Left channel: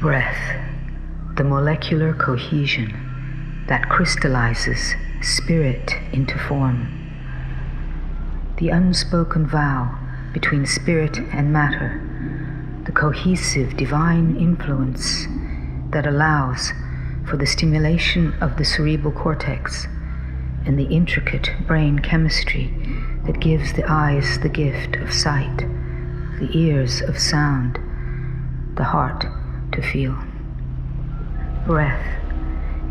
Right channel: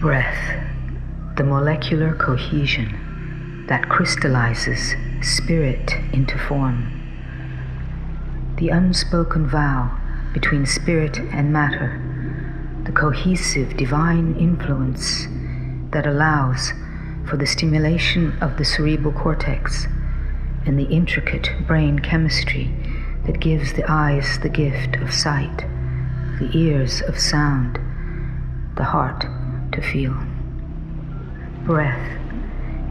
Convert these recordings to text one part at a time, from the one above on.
Breath, the molecular cohesion that crystallizes spirit into form. The unspoken vow between spirit and matter, the cohesive divine influence that allows for the stimulation of the cerebral cortex and the intricate brain chemistry that gives the eyes the gift of sight, the ears of sound, the heart to feel. Breath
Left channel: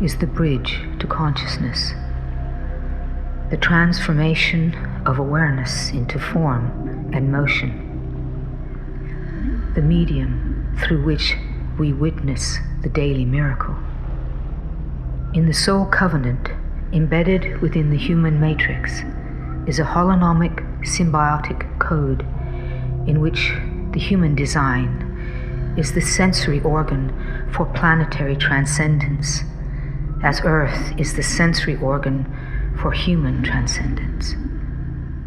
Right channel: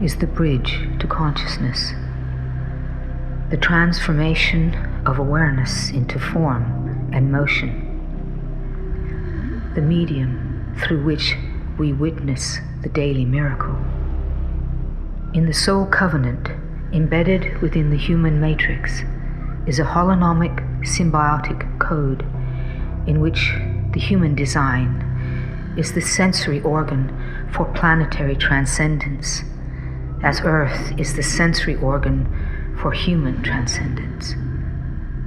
is the bridge to consciousness, the transformation of awareness into form and motion, the medium through which we witness the daily miracle. In the soul covenant, embedded within the human matrix, is a holonomic symbiotic code in which the human design is the sensory organ for planetary transcendence, as Earth is the sensory organ for human transcendence.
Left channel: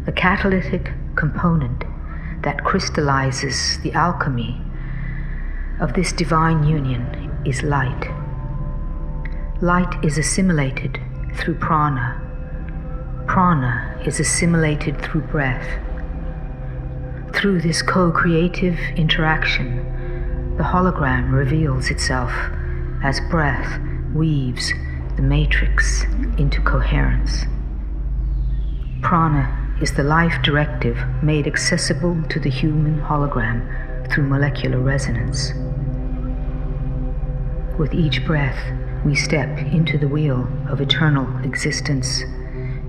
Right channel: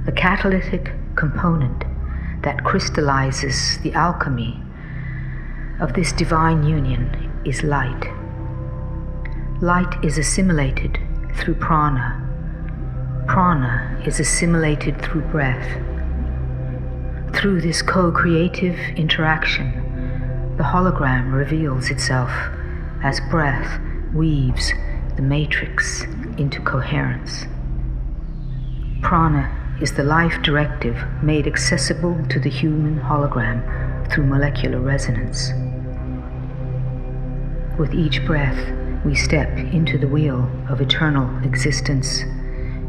The catalytic component that crystallizes the alchemy of this divine union is light. Light is assimilated through prana. Prana is assimilated through breath. Through this co-creative interaction, the hologram reveals itself as breath weaves the matrix into coherence. Prana is the life directive made accessible to the human hologram through molecular resonance. With each breath, we step into the wheel of eternal existence,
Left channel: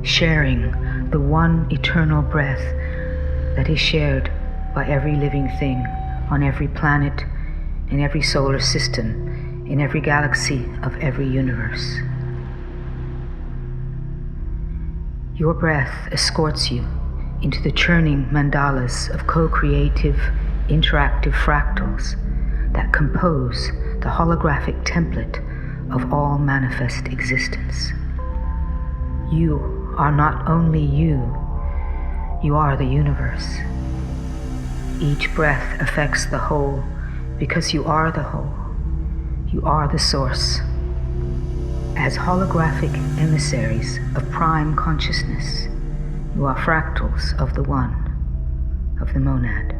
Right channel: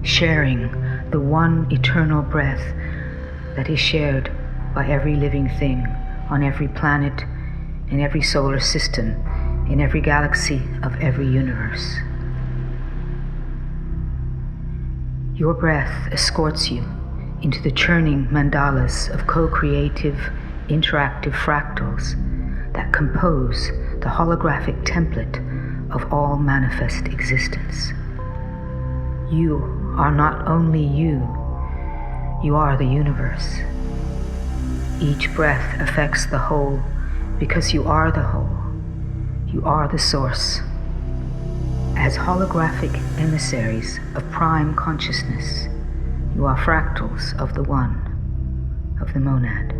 sharing the one eternal breath that is shared by every living thing on every planet, in every solar system, in every galaxy of every universe. Your breath escorts you into the churning mandalas of co-creative, interactive fractals that compose the holographic template of all manifest existence. You are not only you are the universe. Each breath affects the whole because you are the whole. You are the source. As holographic emissaries of prime consciousness, you are fractals of the one, of the monad.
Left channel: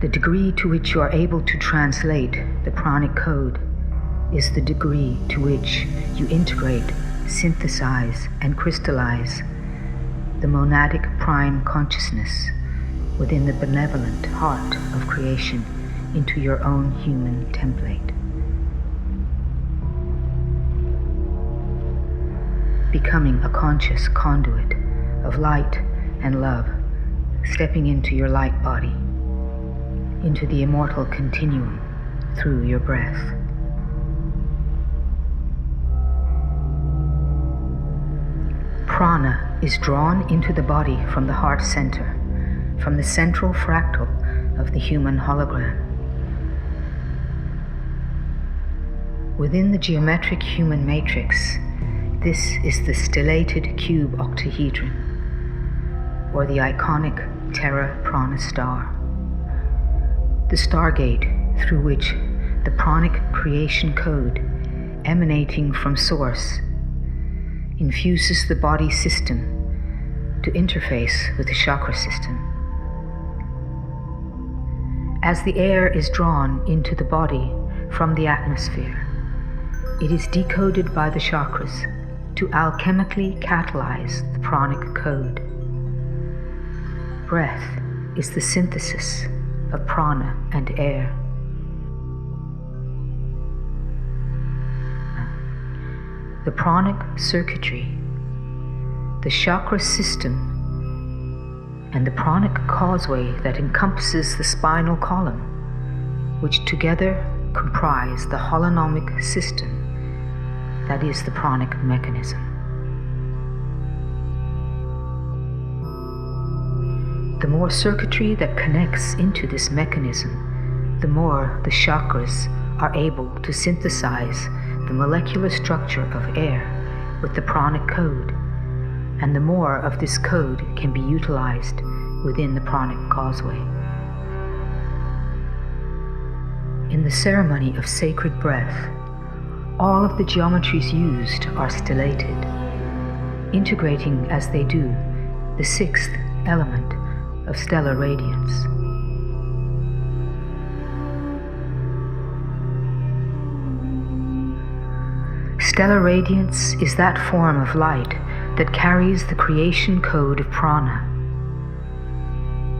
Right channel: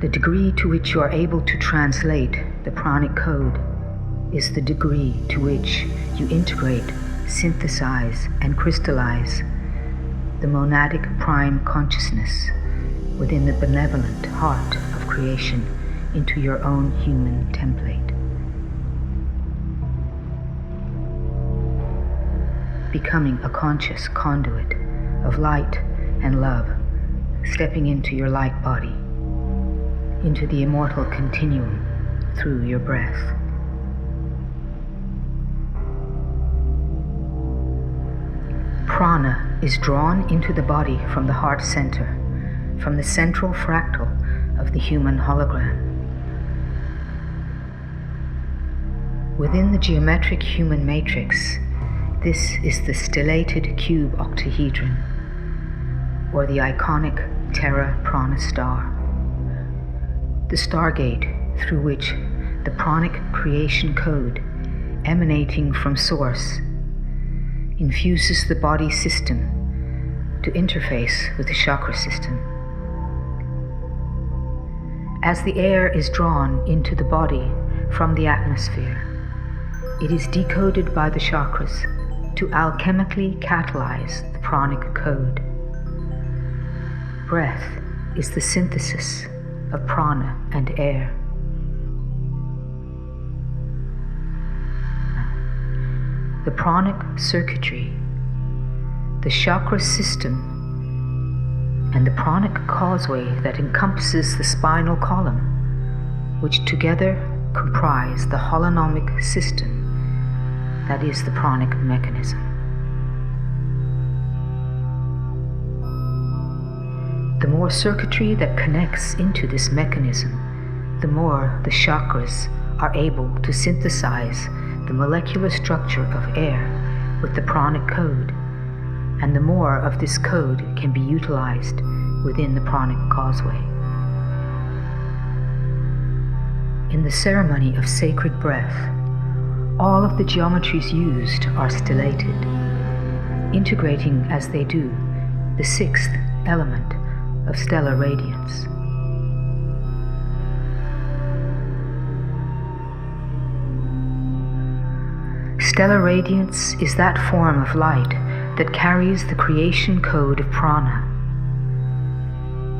The degree to which you are able to translate the pranic code is the degree to which you integrate, synthesize, and crystallize the monadic prime consciousness within the benevolent heart of creation into your own human template. Becoming a conscious conduit of light and love, stepping into your light body, into the immortal continuum through your breath. Prana is drawn into the body from the heart center, from the central fractal of the human hologram. Within the geometric human matrix, this is the stellated cube octahedron, or the iconic Terra Prana star, the stargate through which the pranic creation code, emanating from source, infuses the body system to interface with the chakra system. As the air is drawn into the body from the atmosphere, it is decoded by the chakras to alchemically catalyze the pranic code. Breath is the synthesis of prana and air. The pranic circuitry, the chakra system, and the pranic causeway that encompasses the spinal column, which together comprise the holonomic system that is the pranic mechanism. The more circuitry that connects into this mechanism, the more the chakras are able to synthesize the molecular structure of air with the pranic code, and the more of this code can be utilized within the pranic causeway. the ceremony of sacred breath, all of the geometries used are stellated, integrating as they do the sixth element of stellar radiance. Stellar radiance is that form of light that carries the creation code of prana.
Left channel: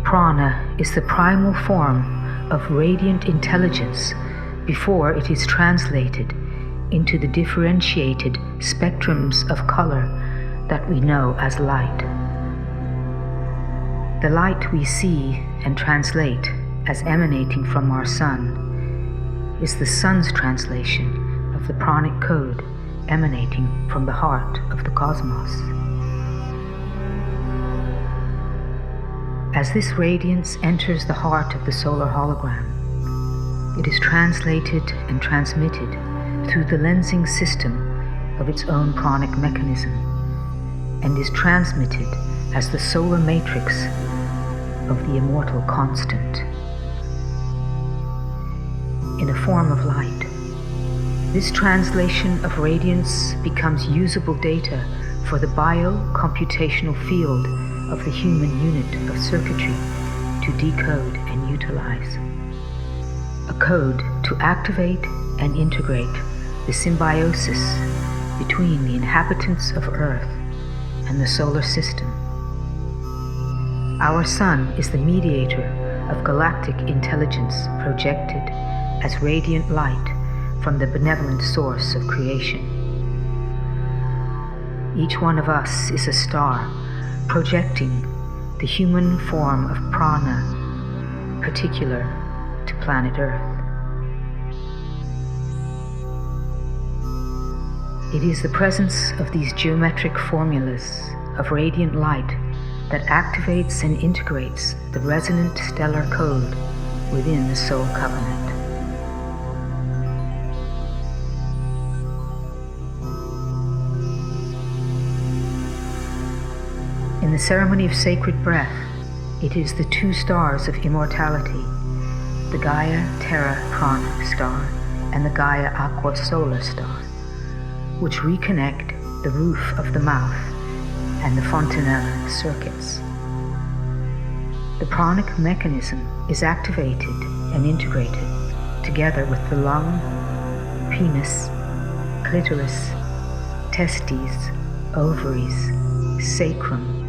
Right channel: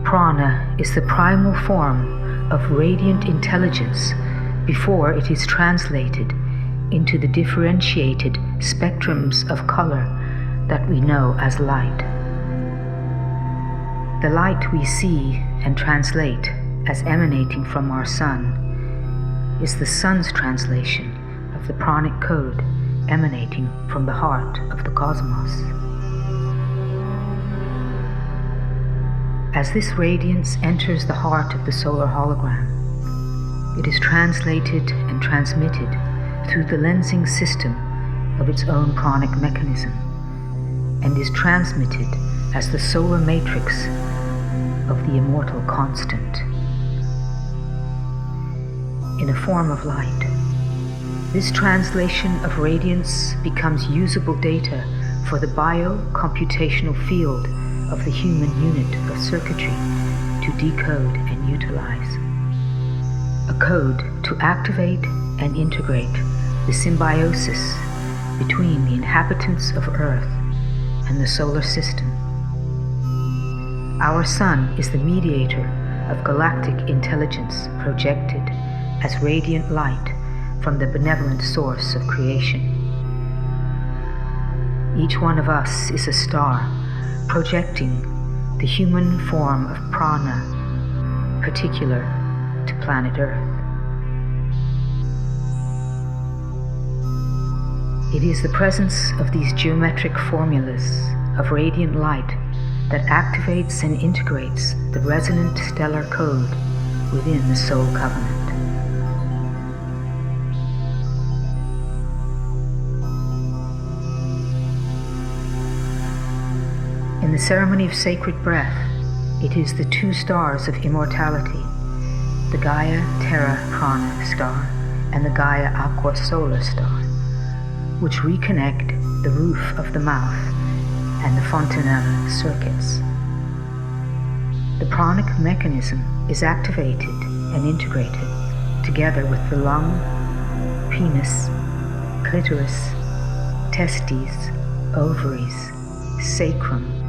Prana is the primal form of radiant intelligence before it is translated into the differentiated spectrums of color that we know as light. The light we see and translate as emanating from our sun is the sun's translation of the pranic code emanating from the heart of the cosmos. As this radiance enters the heart of the solar hologram, it is translated and transmitted through the lensing system of its own pranic mechanism, and is transmitted as the solar matrix of the immortal constant. In a form of light, this translation of radiance becomes usable data for the bio-computational field of the human unit of circuitry to decode and utilize. A code to activate and integrate the symbiosis between the inhabitants of Earth and the solar system. Our sun is the mediator of galactic intelligence projected as radiant light from the benevolent source of creation. Each one of us is a star projecting the human form of prana particular to planet Earth. It is the presence of these geometric formulas of radiant light that activates and integrates the resonant stellar code within the soul covenant. In the ceremony of sacred breath, it is the two stars of immortality, the Gaia Terra Prana star and the Gaia Aqua Solar star, which reconnect the roof of the mouth and the fontanella circuits. The pranic mechanism is activated and integrated together with the lung, penis, clitoris, testes, ovaries, sacrum,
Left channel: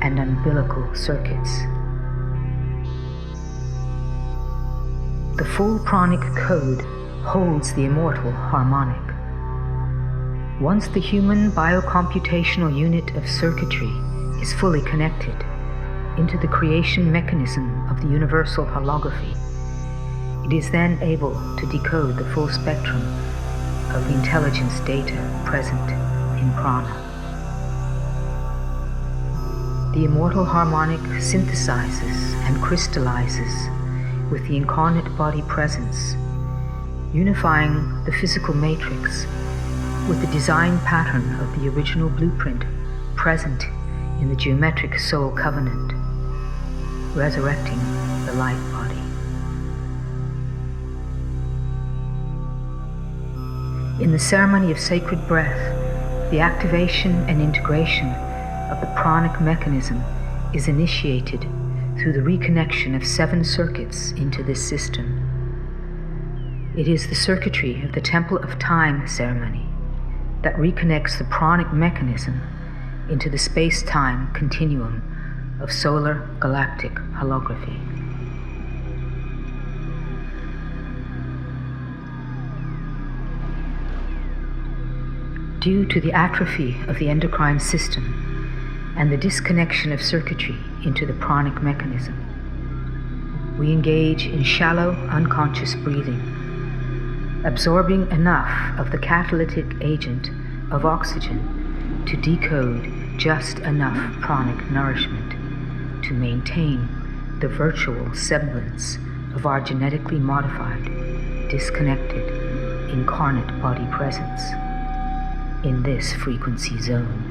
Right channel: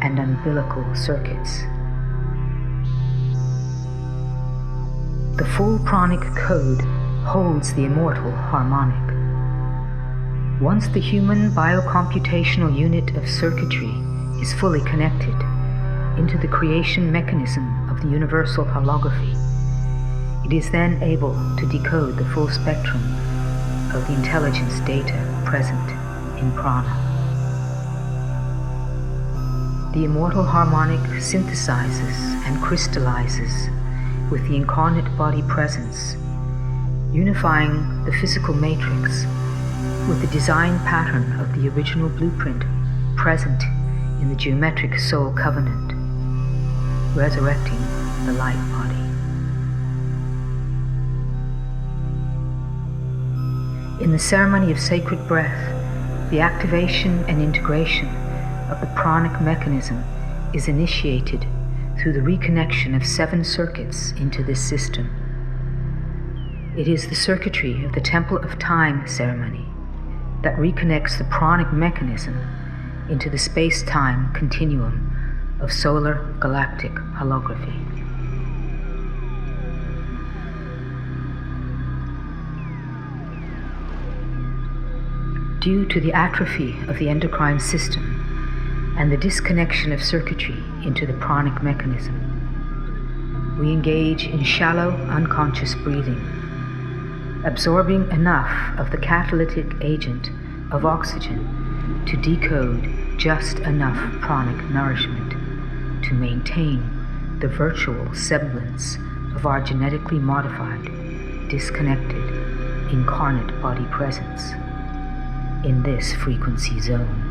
and umbilical circuits. The full pranic code holds the immortal harmonic. Once the human biocomputational unit of circuitry is fully connected into the creation mechanism of the universal holography, it is then able to decode the full spectrum of the intelligence data present in prana. The immortal harmonic synthesizes and crystallizes with the incarnate body presence, unifying the physical matrix with the design pattern of the original blueprint present in the geometric soul covenant, resurrecting the light body. In the ceremony of sacred breath, the activation and integration of the pranic mechanism is initiated through the reconnection of 7 circuits into this system. It is the circuitry of the Temple of Time ceremony that reconnects the pranic mechanism into the space-time continuum of solar galactic holography. Due to the atrophy of the endocrine system and the disconnection of circuitry into the pranic mechanism, we engage in shallow, unconscious breathing, absorbing enough of the catalytic agent of oxygen to decode just enough pranic nourishment to maintain the virtual semblance of our genetically modified, disconnected, incarnate body presence in this frequency zone.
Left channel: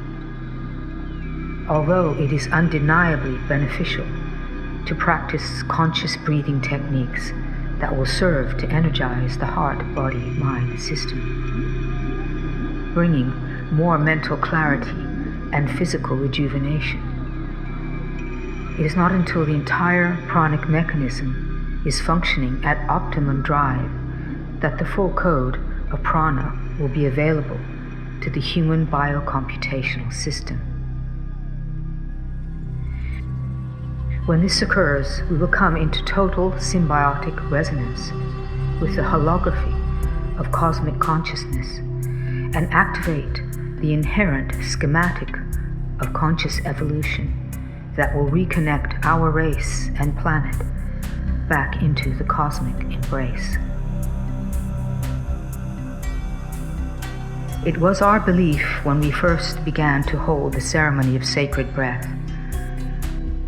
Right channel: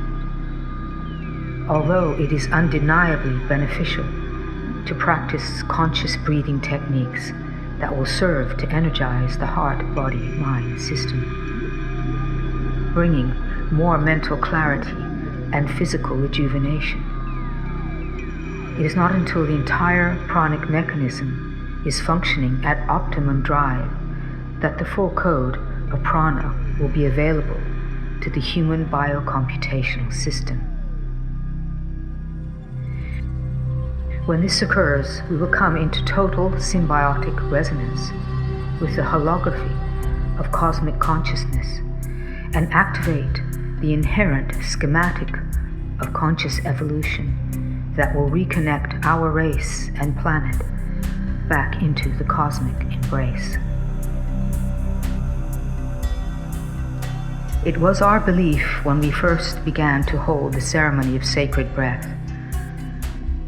Although it is undeniably beneficial to practice conscious breathing techniques that will serve to energize the heart-body-mind system, bringing more mental clarity and physical rejuvenation. It is not until the entire pranic mechanism is functioning at optimum drive that the full code of prana will be available to the human biocomputational system. When this occurs, we will come into total symbiotic resonance with the holography of cosmic consciousness and activate the inherent schematic of conscious evolution that will reconnect our race and planet back into the cosmic embrace. It was our belief when we first began to hold the ceremony of sacred breath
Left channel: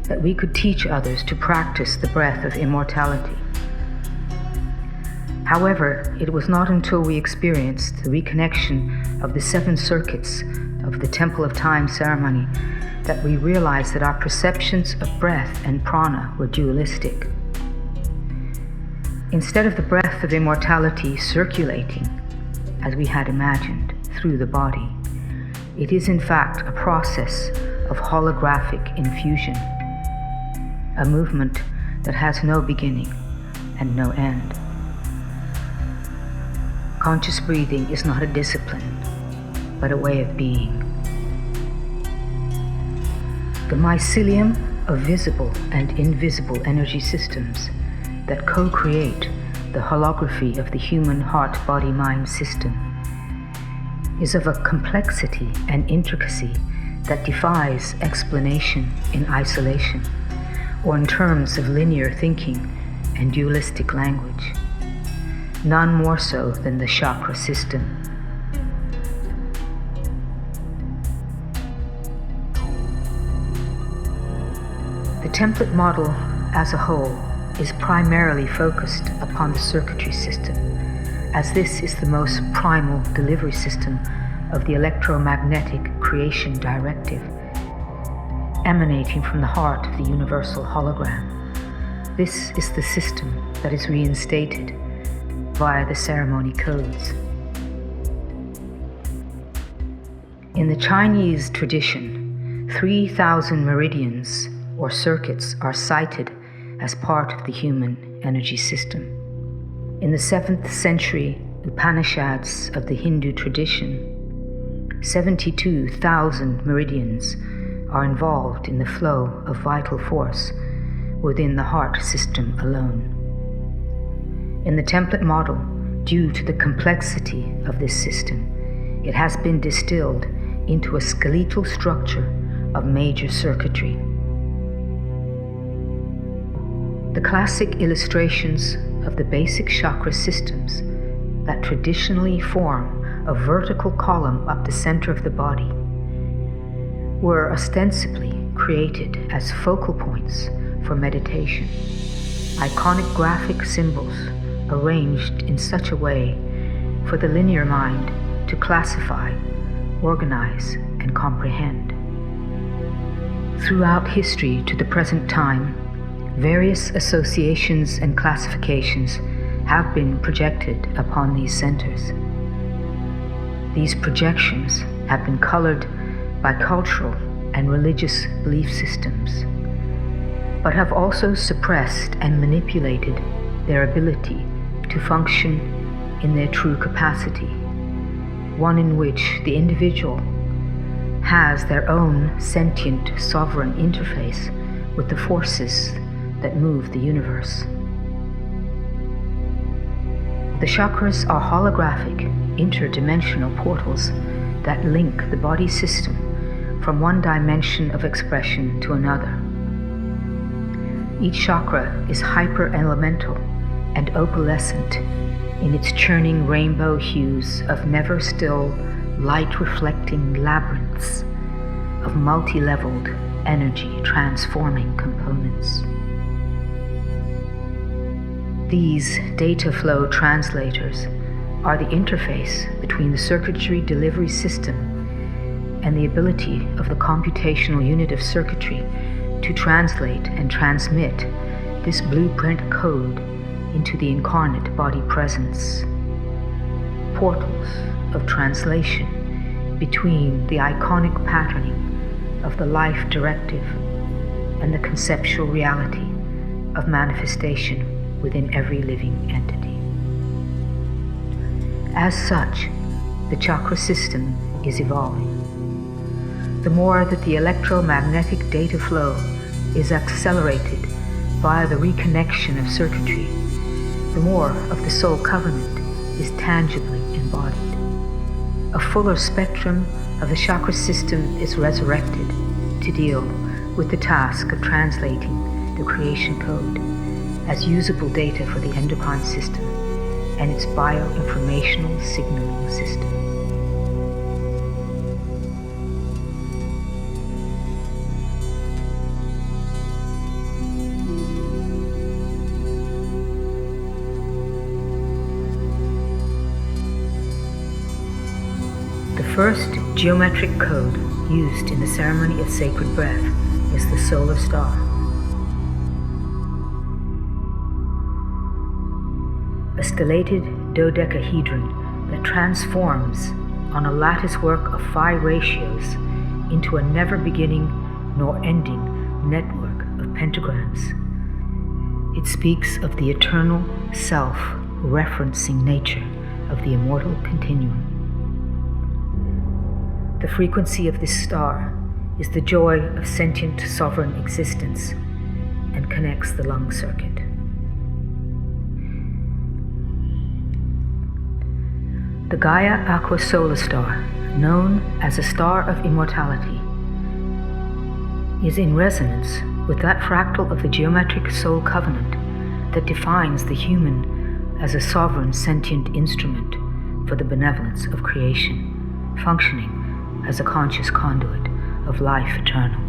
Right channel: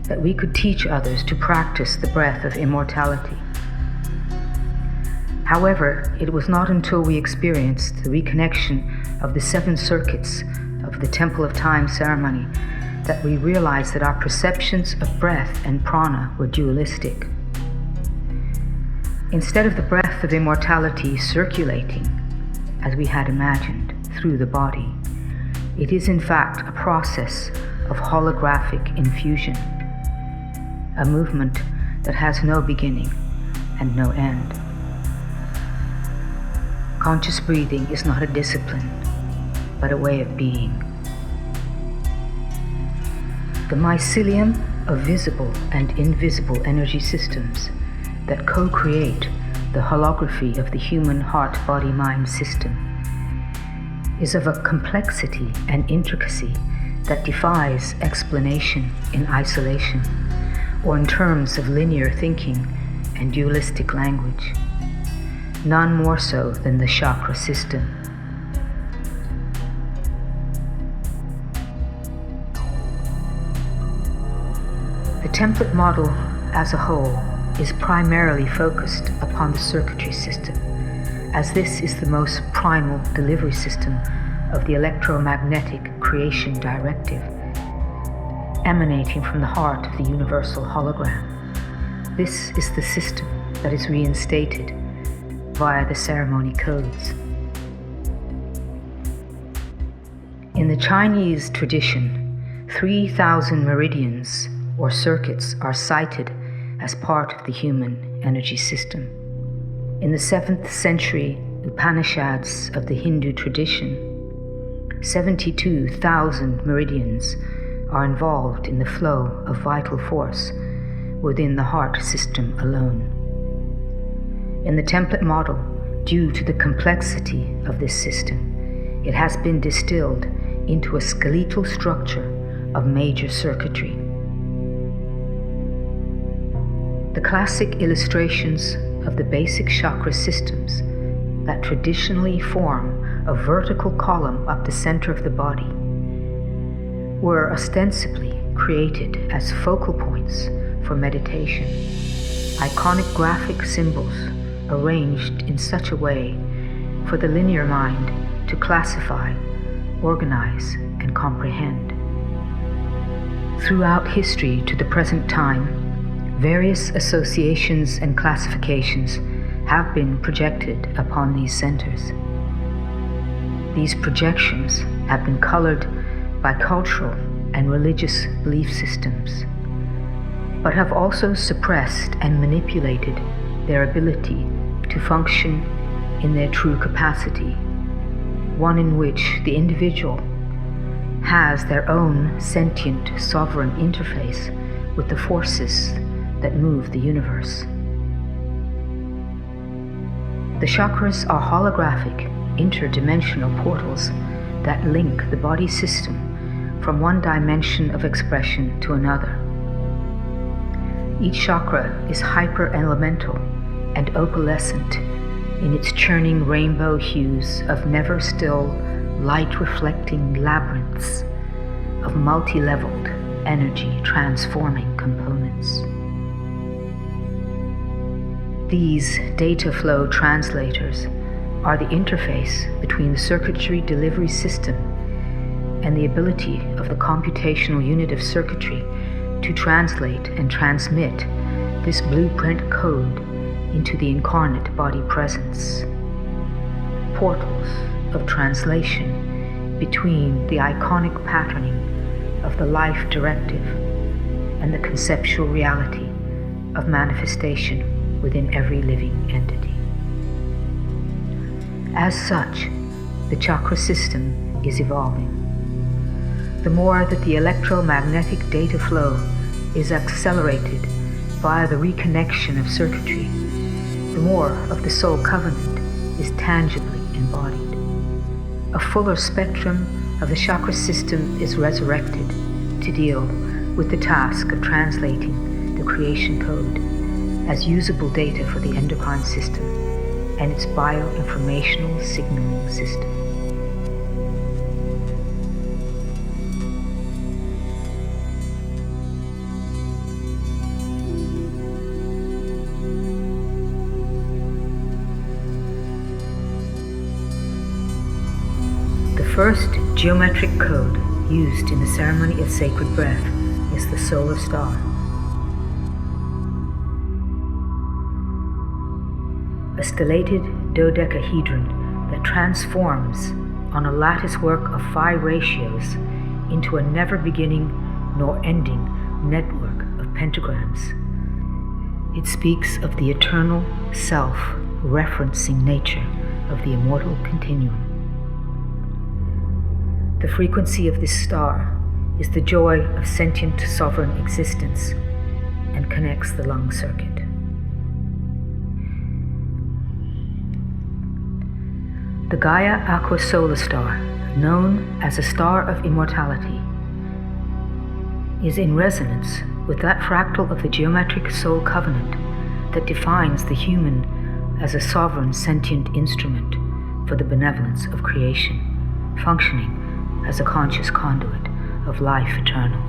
that we could teach others to practice the breath of immortality. However, it was not until we experienced the reconnection of the 7 circuits of the Temple of Time ceremony that we realized that our perceptions of breath and prana were dualistic. Instead of the breath of immortality circulating, as we had imagined, through the body, it is in fact a process of holographic infusion, a movement that has no beginning and no end. Conscious breathing is not a discipline, but a way of being. The mycelium of visible and invisible energy systems that co-create the holography of the human heart-body-mind system is of a complexity and intricacy that defies explanation in isolation or in terms of linear thinking and dualistic language, none more so than the chakra system. The template model as a whole is primarily focused upon the circuitry system, as this is the most primal delivery system of the electromagnetic creation directive, emanating from the heart of the universal hologram. This is the system that is reinstated via the ceremony codes. In the Chinese tradition, 3,000 meridians or circuits are cited as part of the human energy system. In the 7th century Upanishads of the Hindu tradition, 72,000 meridians are involved in the flow of vital force within the heart system alone. In the template model, due to the complexity of this system, it has been distilled into a skeletal structure of major circuitry. The classic illustrations of the basic chakra systems that traditionally form a vertical column up the center of the body were ostensibly created as focal points for meditation, iconic graphic symbols arranged in such a way for the linear mind to classify, organize, and comprehend. Throughout history to the present time, various associations and classifications have been projected upon these centers. These projections have been colored by cultural and religious belief systems, but have also suppressed and manipulated their ability to function in their true capacity, one in which the individual has their own sentient sovereign interface with the forces that move the universe. The chakras are holographic, interdimensional portals that link the body system from one dimension of expression to another. Each chakra is hyper-elemental and opalescent in its churning rainbow hues of never-still, light-reflecting labyrinths of multi-leveled energy-transforming components. These data flow translators are the interface between the circuitry delivery system and the ability of the computational unit of circuitry to translate and transmit this blueprint code into the incarnate body presence. Portals of translation between the iconic patterning of the life directive and the conceptual reality of manifestation within every living entity. As such, the chakra system is evolving. The more that the electromagnetic data flow is accelerated via the reconnection of circuitry, the more of the soul covenant is tangibly embodied. A fuller spectrum of the chakra system is resurrected to deal with the task of translating the creation code as usable data for the endocrine system and its bioinformational signaling system. The first geometric code used in the ceremony of sacred breath is the solar star. A stellated dodecahedron that transforms on a lattice work of 5 ratios into a never beginning nor ending network of pentagrams. It speaks of the eternal self-referencing nature of the immortal continuum. The frequency of this star is the joy of sentient sovereign existence and connects the lung circuit. The Gaia Aqua Solar Star, known as a star of immortality, is in resonance with that fractal of the geometric soul covenant that defines the human as a sovereign sentient instrument for the benevolence of creation, functioning as a conscious conduit of life eternal.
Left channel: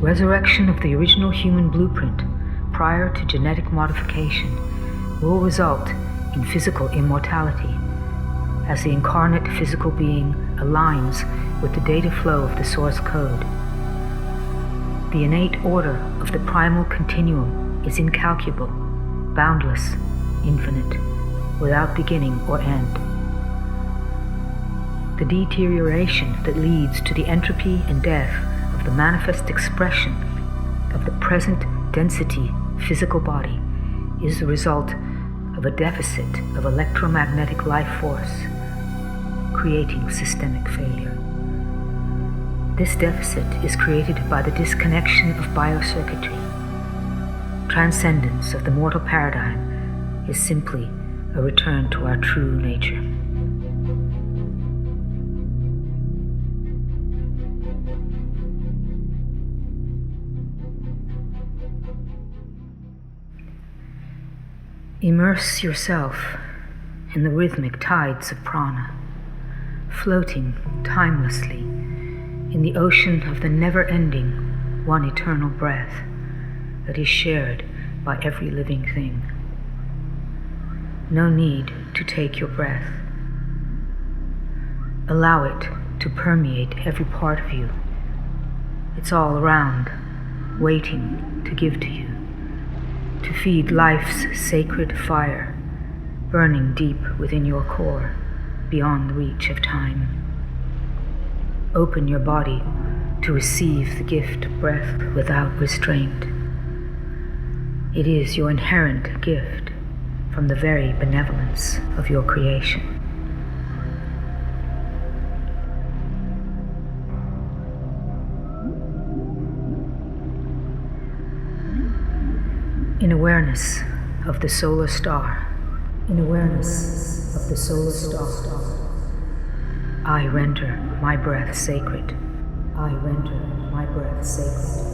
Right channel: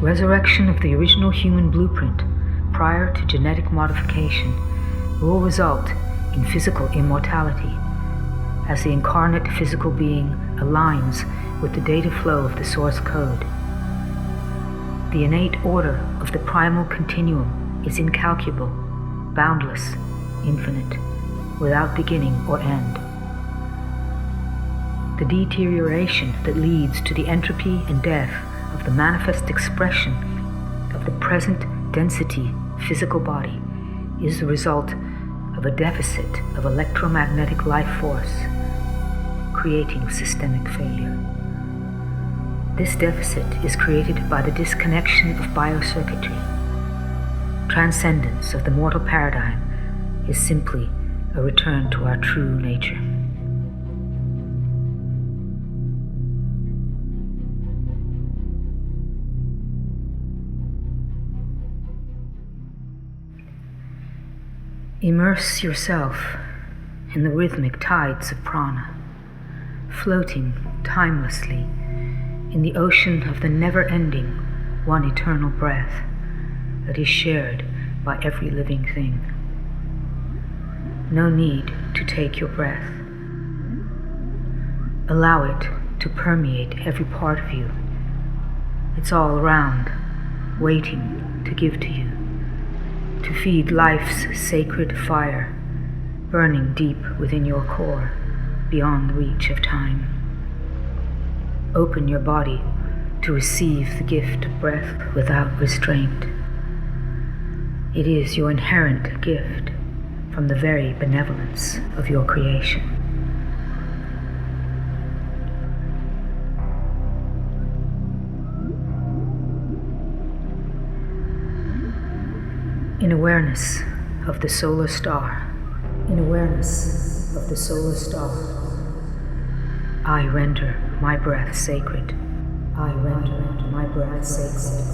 Resurrection of the original human blueprint prior to genetic modification will result in physical immortality as the incarnate physical being aligns with the data flow of the source code. The innate order of the primal continuum is incalculable, boundless, infinite, without beginning or end. The deterioration that leads to the entropy and death of the manifest expression of the present density physical body is the result of a deficit of electromagnetic life force, creating systemic failure. This deficit is created by the disconnection of biocircuitry. Transcendence of the mortal paradigm is simply a return to our true nature. Immerse yourself in the rhythmic tides of prana, floating timelessly in the ocean of the never-ending, one eternal breath that is shared by every living thing. No need to take your breath. Allow it to permeate every part of you. It's all around, waiting to give to you, to feed life's sacred fire, burning deep within your core, beyond the reach of time. Open your body to receive the gift of breath without restraint. It is your inherent gift from the very benevolence of your creation. In awareness of the solar star, in awareness of the solar star, I render my breath sacred. I render my breath sacred.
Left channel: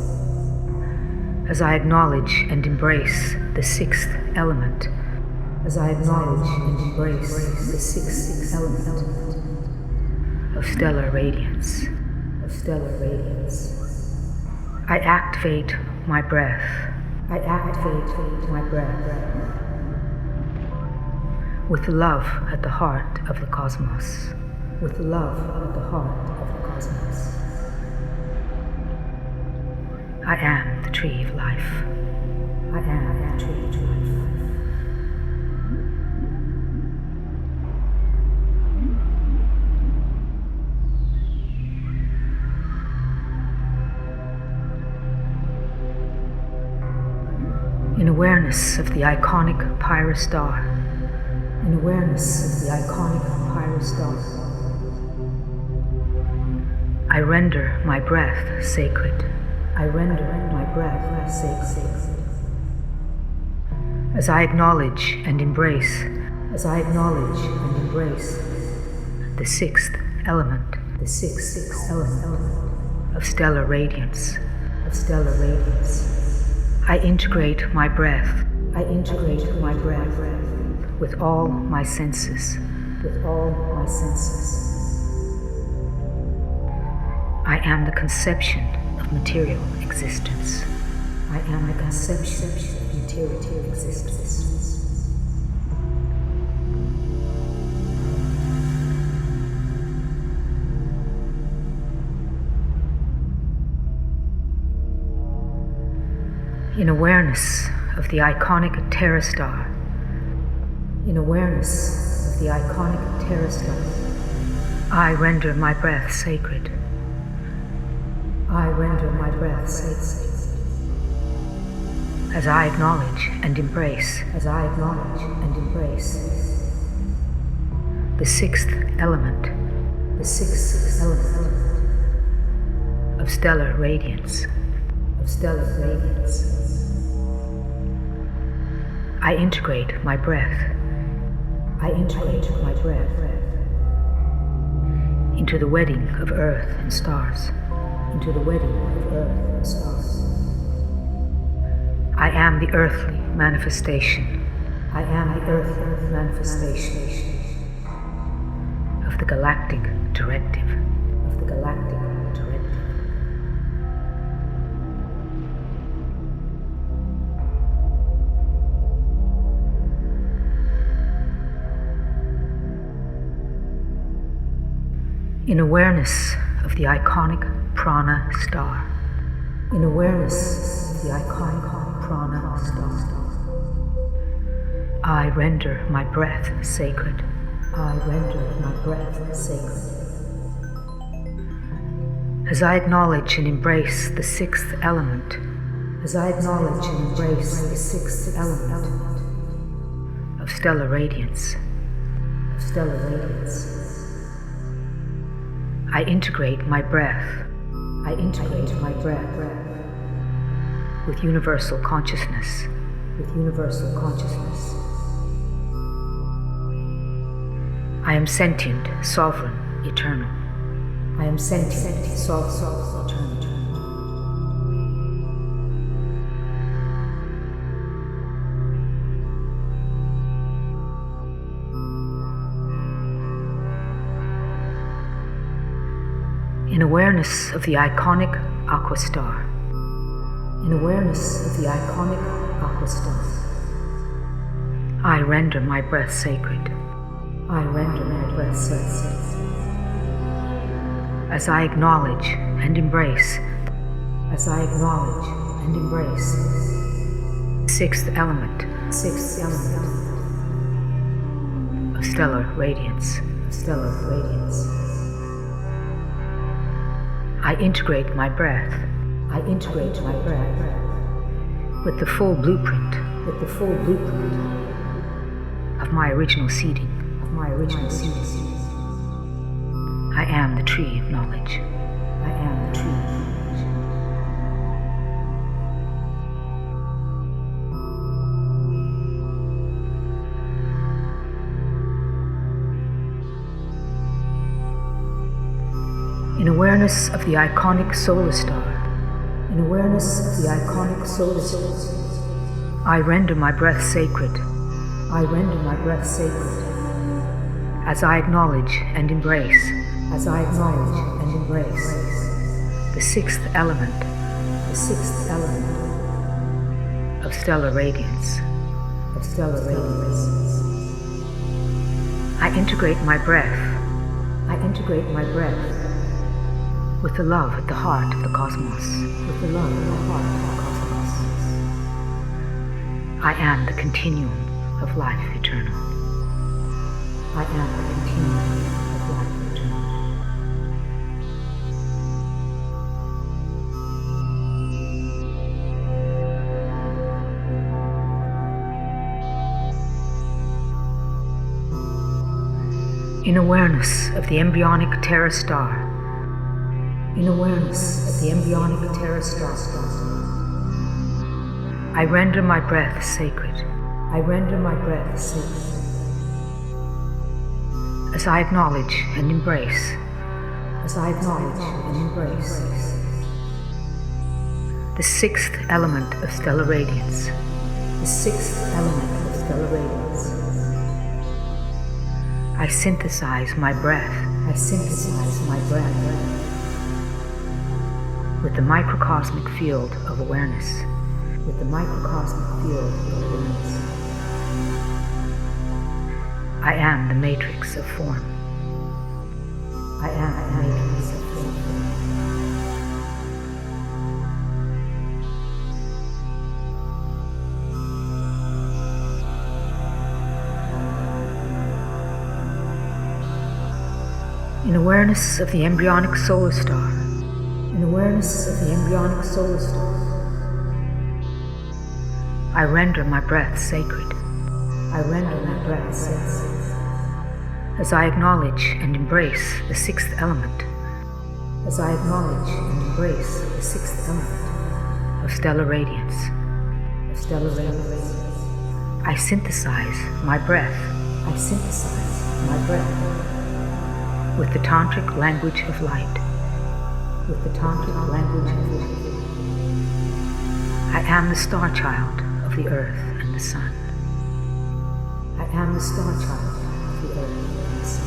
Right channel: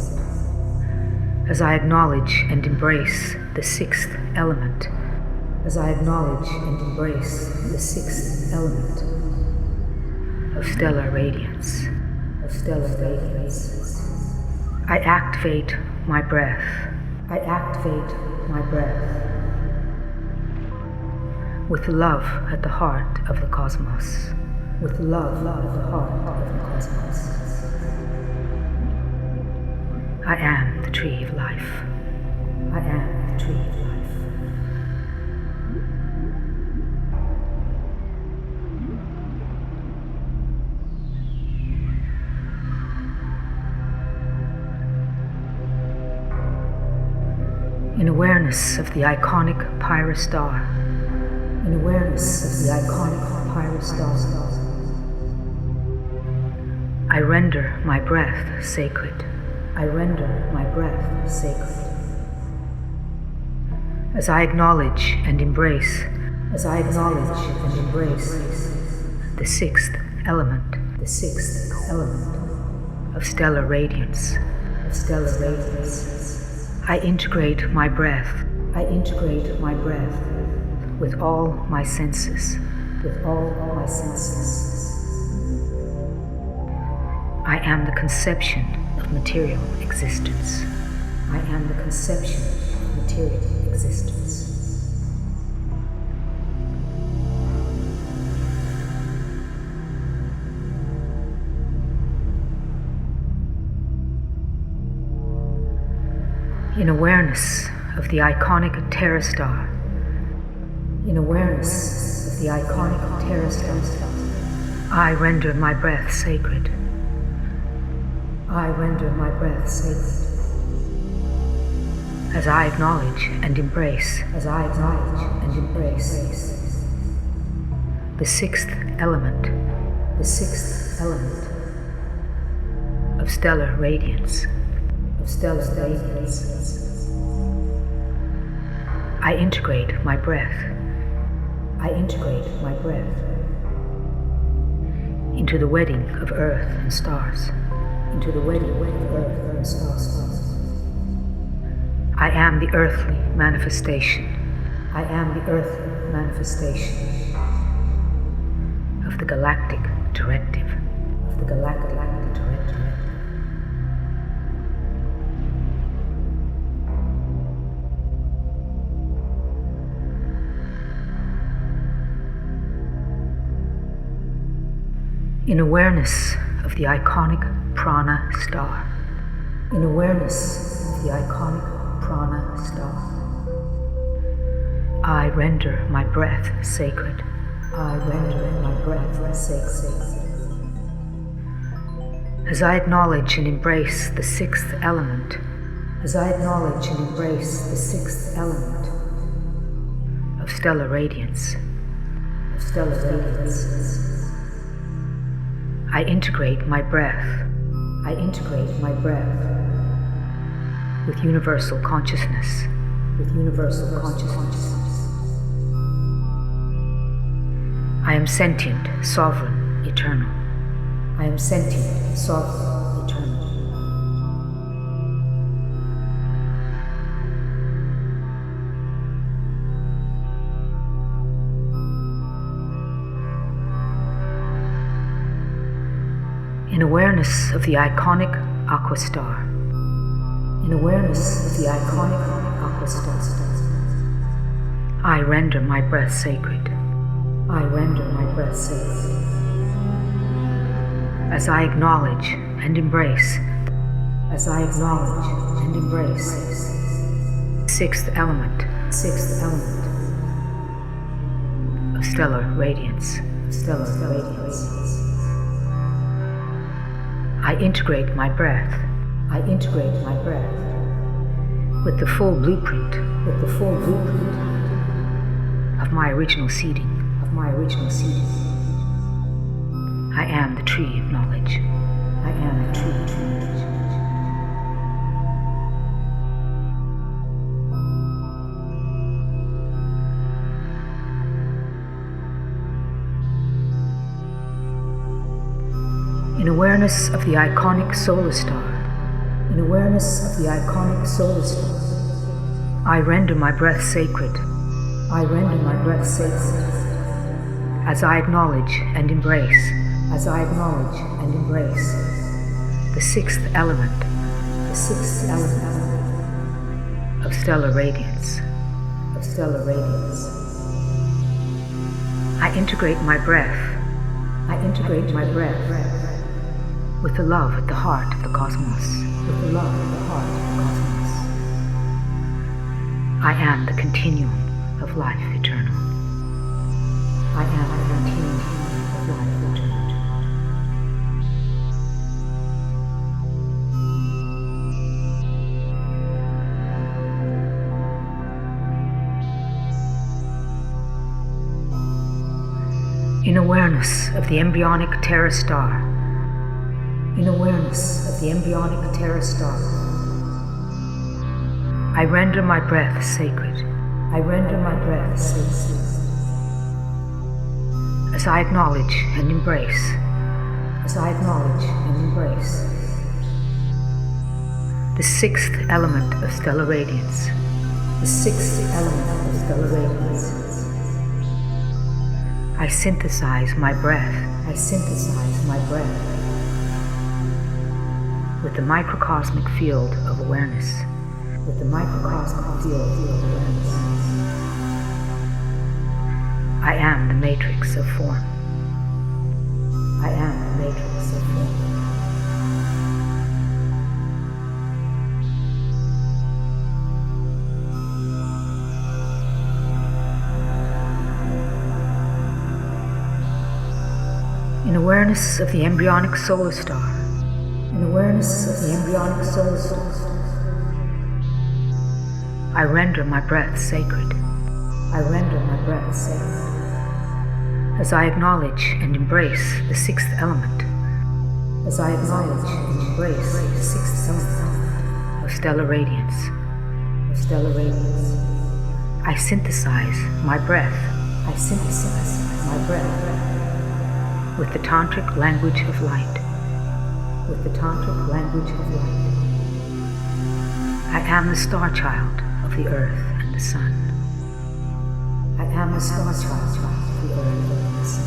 As I acknowledge and embrace the sixth element, as I acknowledge and embrace the sixth element of stellar radiance, I activate my breath. I activate my breath with love at the heart of the cosmos. With love at the heart of the cosmos. I am the tree of life. I am the tree of life. In awareness of the iconic pyrostar, in awareness of the iconic pyrostar, I render my breath sacred. I render my breath sacred. As I acknowledge and embrace, as I acknowledge and embrace the sixth element of stellar radiance, I integrate my breath. I integrate my breath with all my senses. With all my senses. I am the conception of material existence. I am the conception of material existence. In awareness of the iconic pterostar, in awareness of the iconic pterostar, I render my breath sacred. I render my breath sacred. As I acknowledge and embrace, the sixth element of stellar radiance, I integrate my breath. I integrate my breath into the wedding of earth and stars. Into the wedding of earth and stars. I am the earthly manifestation. I am the earthly manifestation of the galactic directive. Of the galactic directive. In awareness of the iconic prana star. In awareness of the iconic prana star, I render my breath sacred. I render my breath sacred. As I acknowledge and embrace the sixth element, as I acknowledge and embrace the sixth element of stellar radiance, I integrate my breath. I integrate my breath with universal consciousness. With universal consciousness. I am sentient, sovereign, eternal. I am sentient, sovereign, eternal. In awareness of the iconic aqua star. In awareness of the iconic aqua star, I render my breath sacred. I render my breath sacred. As I acknowledge and embrace, sixth element of stellar radiance, I integrate my breath. I integrate my breath with the full blueprint, of my original seeding, I am the tree of knowledge. I am the tree of knowledge. In awareness of the iconic solar star, I render my breath sacred. As I acknowledge and embrace, the sixth element, of stellar radiance, I integrate my breath. With the love at the heart of the cosmos. I am the continuum of life eternal. I am the continuum of life eternal. In awareness of the embryonic Terra star, in awareness of the embryonic Terra star, I render my breath sacred. I render my breath sacred. As I acknowledge and embrace, as I acknowledge and embrace the sixth element of stellar radiance, the sixth element of stellar radiance. I synthesize my breath. I synthesize my breath with the microcosmic field of awareness. With the microcosmic field of awareness. I am the matrix of form. I am the matrix of form. In awareness of the embryonic solar star, in awareness of the embryonic solar star, I render my breath sacred. I render my breath sacred. As I acknowledge and embrace the sixth element, as I acknowledge and embrace the sixth element of stellar radiance, of stellar radiance, I synthesize my breath. I synthesize my breath with the tantric language of light, with the tantric language of light. I am the star child of the earth and the sun. I am the star child of the earth and the sun.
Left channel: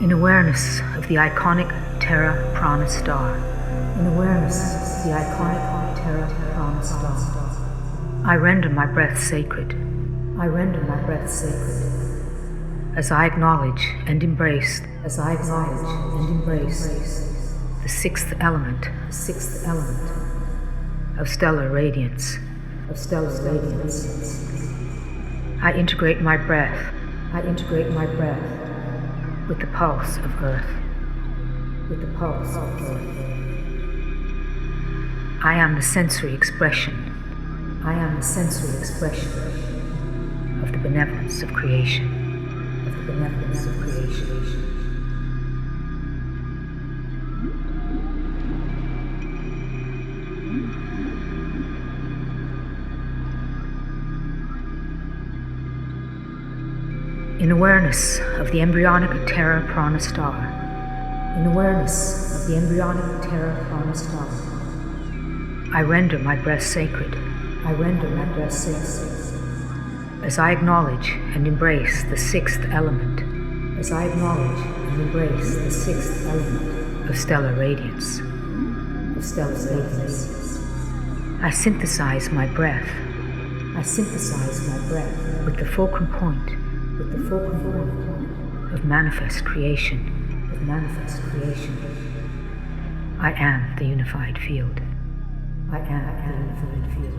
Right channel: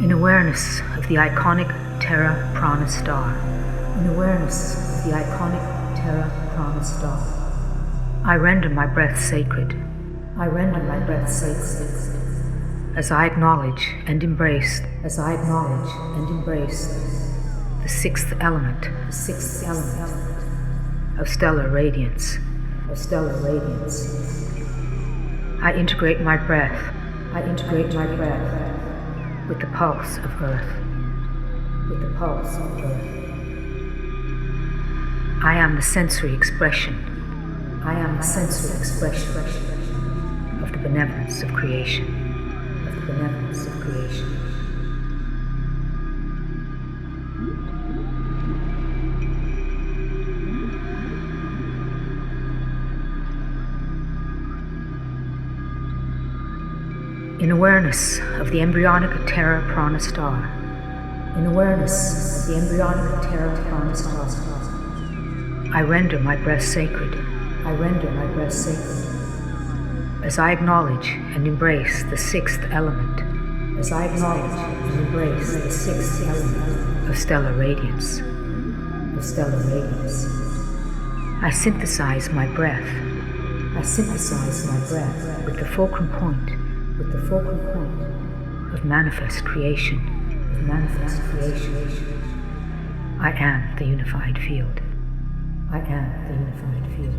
In awareness of the iconic Terra Prana star, in awareness of the iconic Terra Prana star, I render my breath sacred. I render my breath sacred. As I acknowledge and embrace, as I acknowledge and embrace the sixth element of stellar radiance, of stellar radiance. I integrate my breath. I integrate my breath with the pulse of earth, with the pulse of earth. I am the sensory expression. I am the sensory expression of the benevolence of creation, of the benevolence of creation. In awareness of the embryonic Terra Prana star, in awareness of the embryonic Terra Prana star, I render my breath sacred. I render my breath sacred. As I acknowledge and embrace the sixth element, as I acknowledge and embrace the sixth element of stellar radiance, of stellar radiance, I synthesize my breath. I synthesize my breath with the fulcrum point, with the fulcrum point of manifest creation, of manifest creation. I am the unified field. I am the unified field.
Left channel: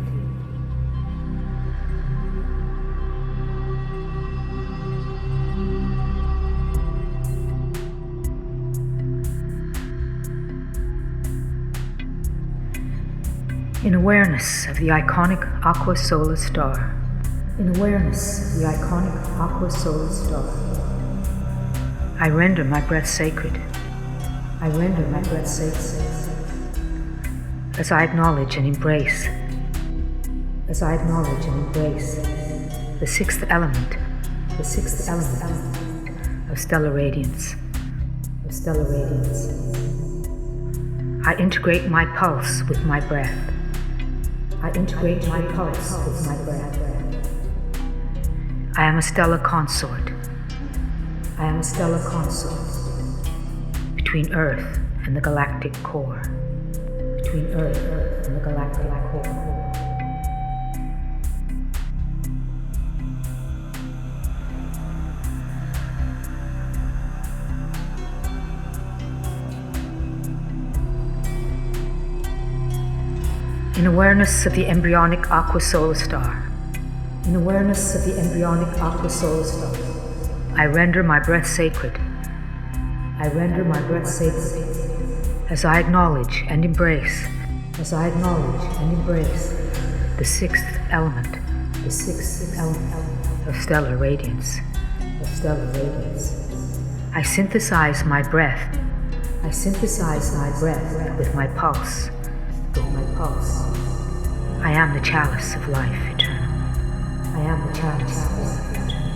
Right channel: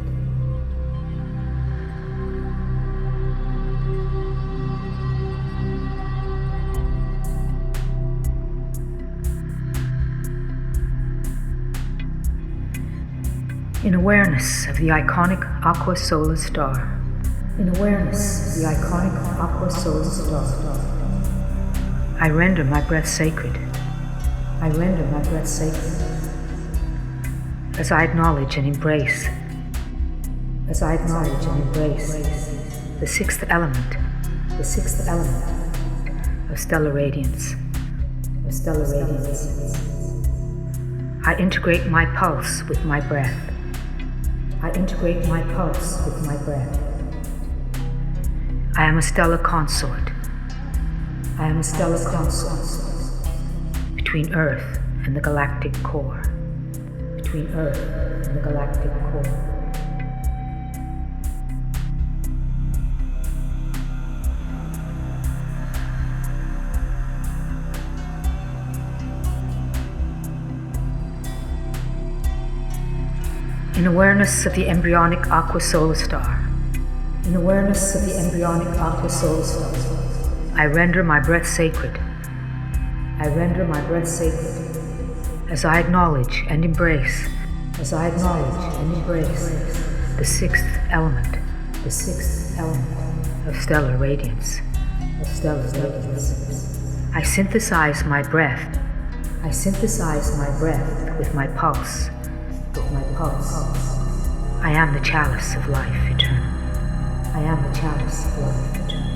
In awareness of the iconic aqua solar star, in awareness of the iconic aqua solar star, I render my breath sacred. I render my breath sacred. As I acknowledge and embrace, as I acknowledge and embrace the sixth element of stellar radiance, of stellar radiance, I integrate my pulse with my breath. I integrate my pulse with my breath. I am a stellar consort. I am a stellar consort between Earth and the galactic core. Between Earth and the galactic core. In awareness of the embryonic aqua solar star, in awareness of the embryonic aqua solar star, I render my breath sacred. I render my breath sacred as I acknowledge and embrace, as I acknowledge and embrace the sixth element of stellar radiance, of stellar radiance. I synthesize my breath. I synthesize my breath with my pulse, with my pulse. I am the chalice of life eternal. I am the chalice of life eternal.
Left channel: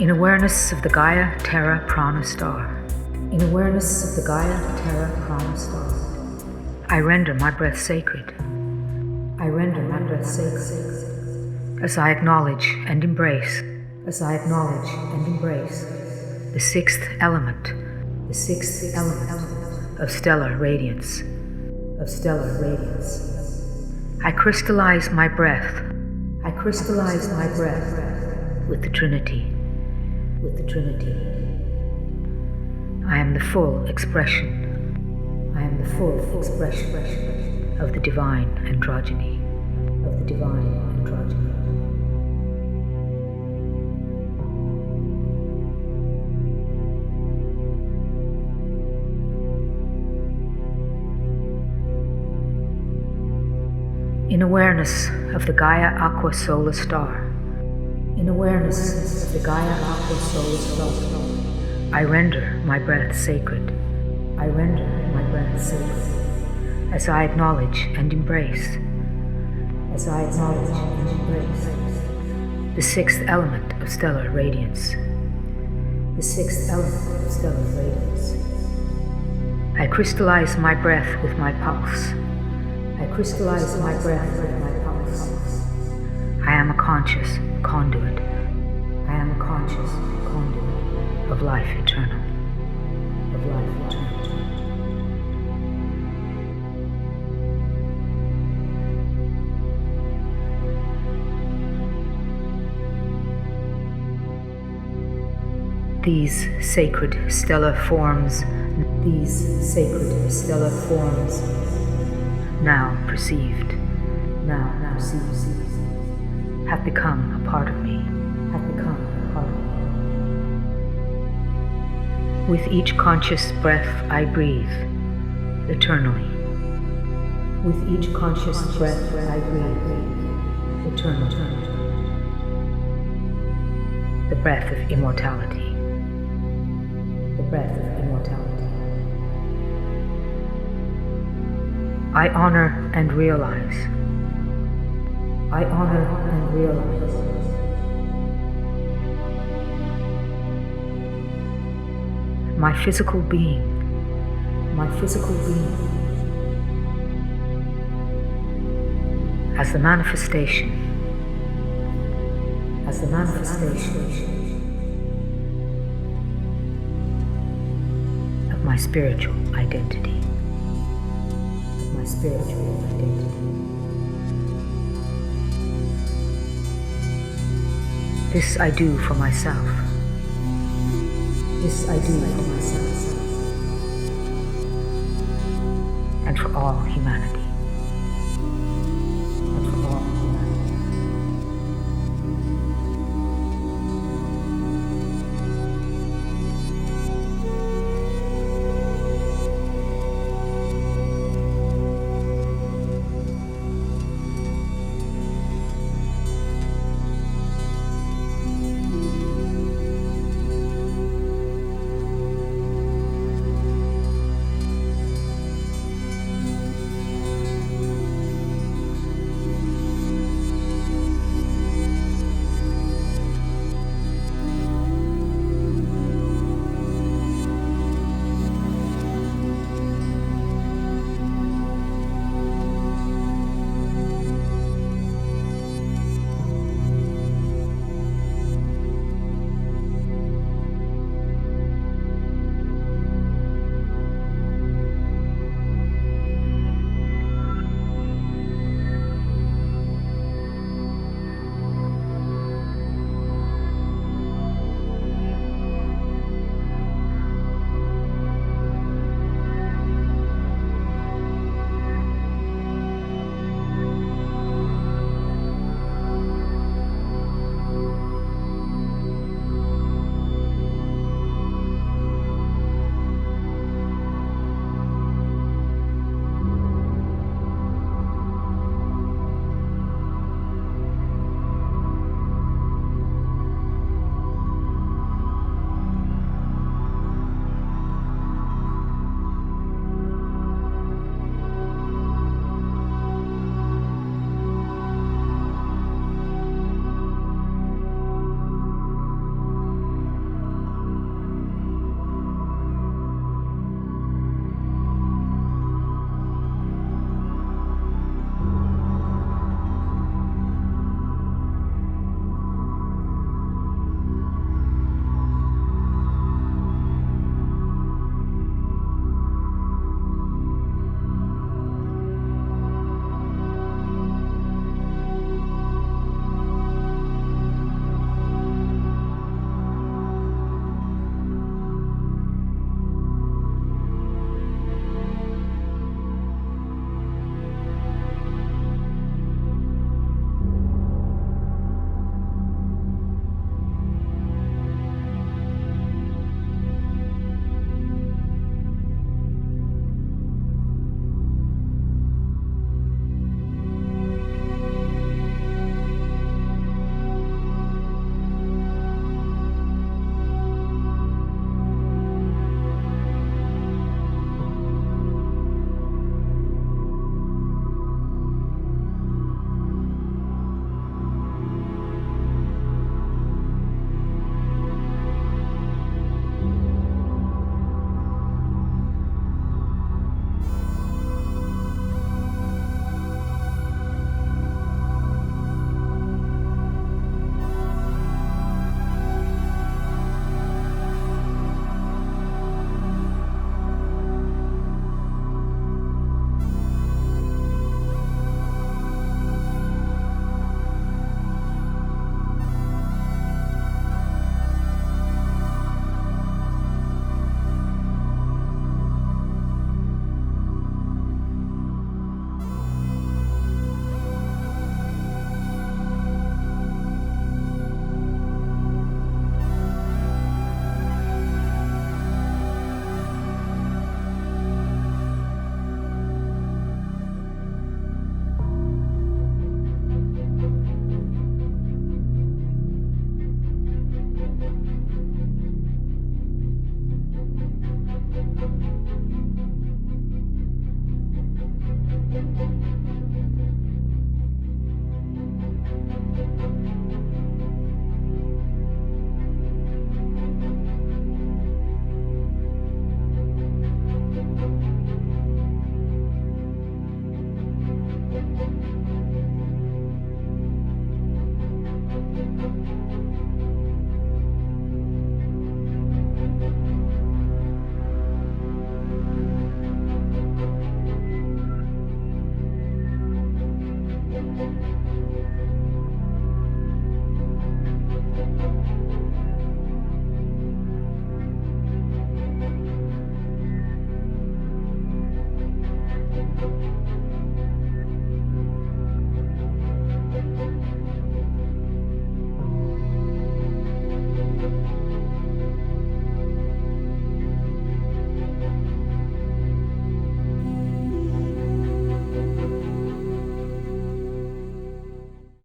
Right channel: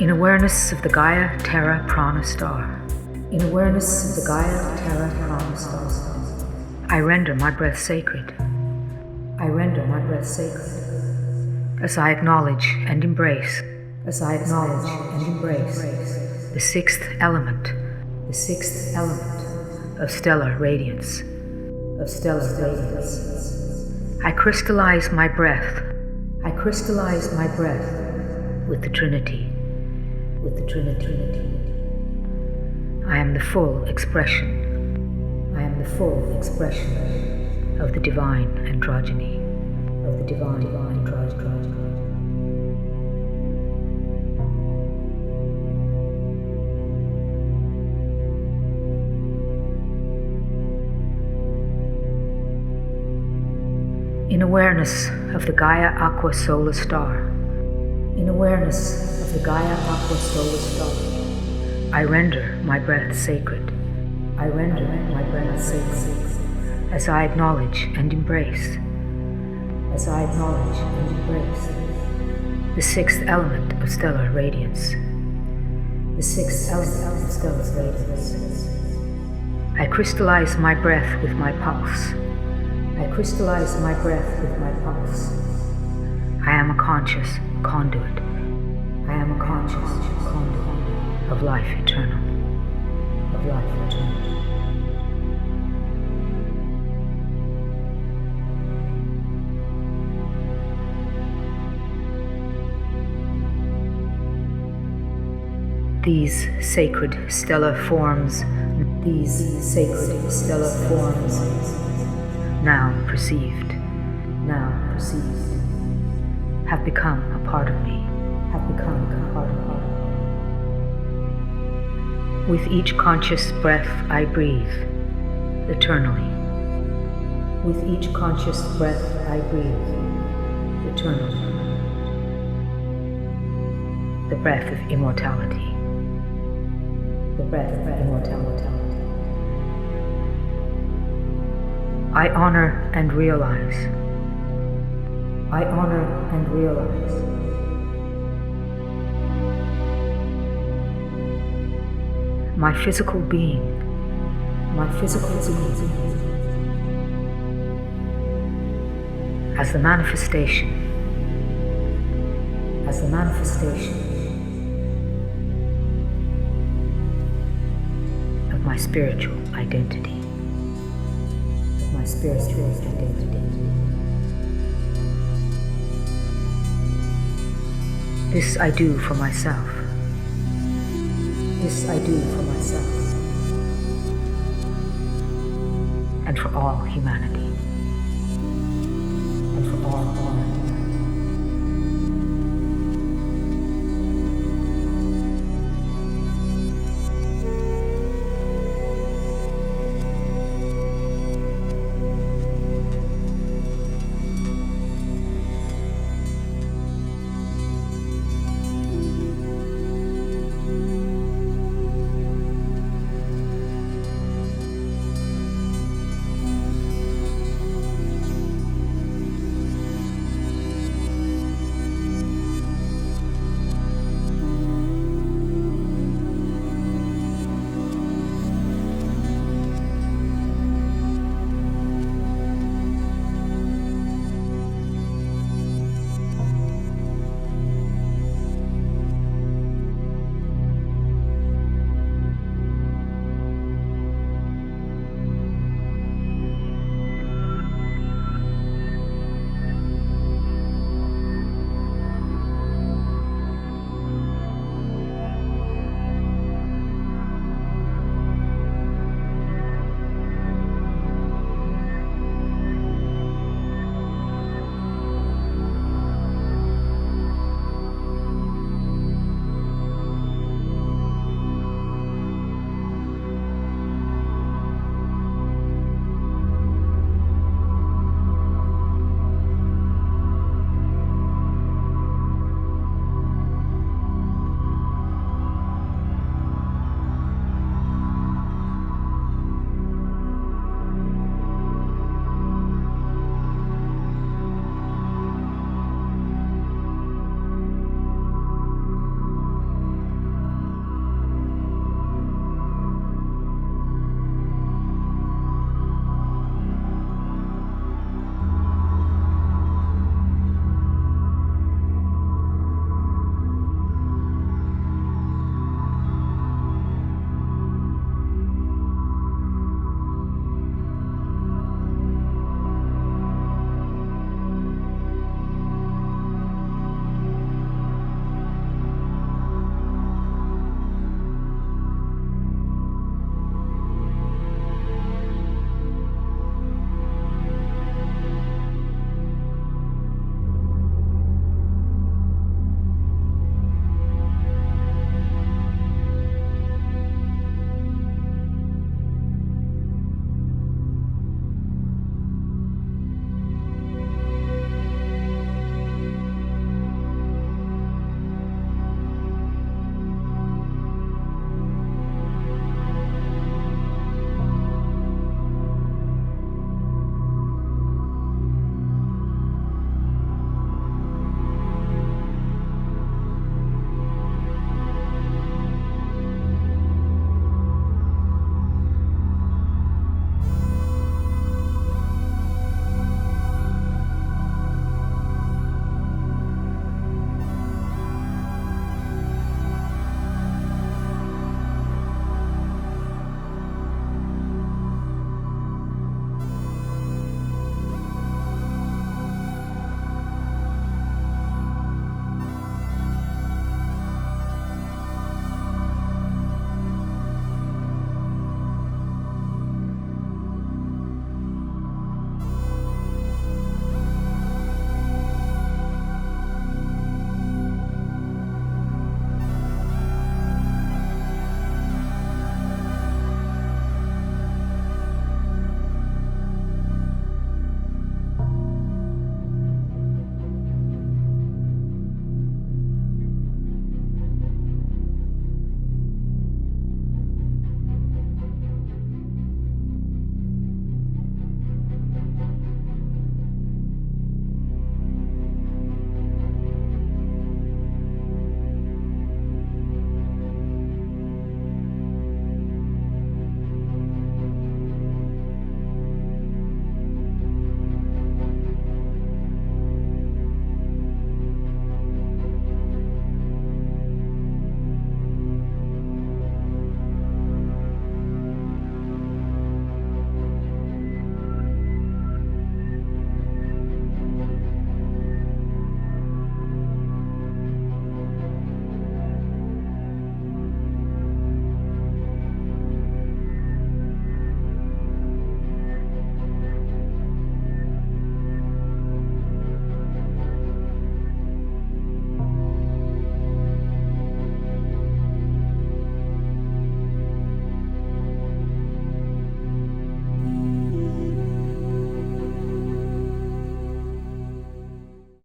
In awareness of the Gaia Terra Prana star, in awareness of the Gaia Terra Prana star, I render my breath sacred. I render my breath sacred as I acknowledge and embrace, as I acknowledge and embrace the sixth element of stellar radiance, of stellar radiance. I crystallize my breath. I crystallize my breath with the Trinity, with the Trinity. I am the full expression. I am the full expression of the divine androgyny, of the divine androgyny. In awareness of the Gaia Aqua Solar Star, in awareness of the Gaia Aqua Solar Star, I render my breath sacred. I render my breath sacred as I acknowledge and embrace, as I acknowledge and embrace the sixth element of stellar radiance, the sixth element of stellar radiance. I crystallize my breath with my pulse. I crystallize my breath with my pulse. I am a conscious conduit. I am a conscious conduit of life eternal, of life eternal. These sacred stellar forms, now perceived, have become a part of me, With each conscious breath I breathe eternally. With each conscious breath I breathe eternally. The breath of immortality. The breath of immortality. I honor and realize. I honor and realize. My physical being. As the manifestation. Of my spiritual identity. This I do for myself. And for all humanity.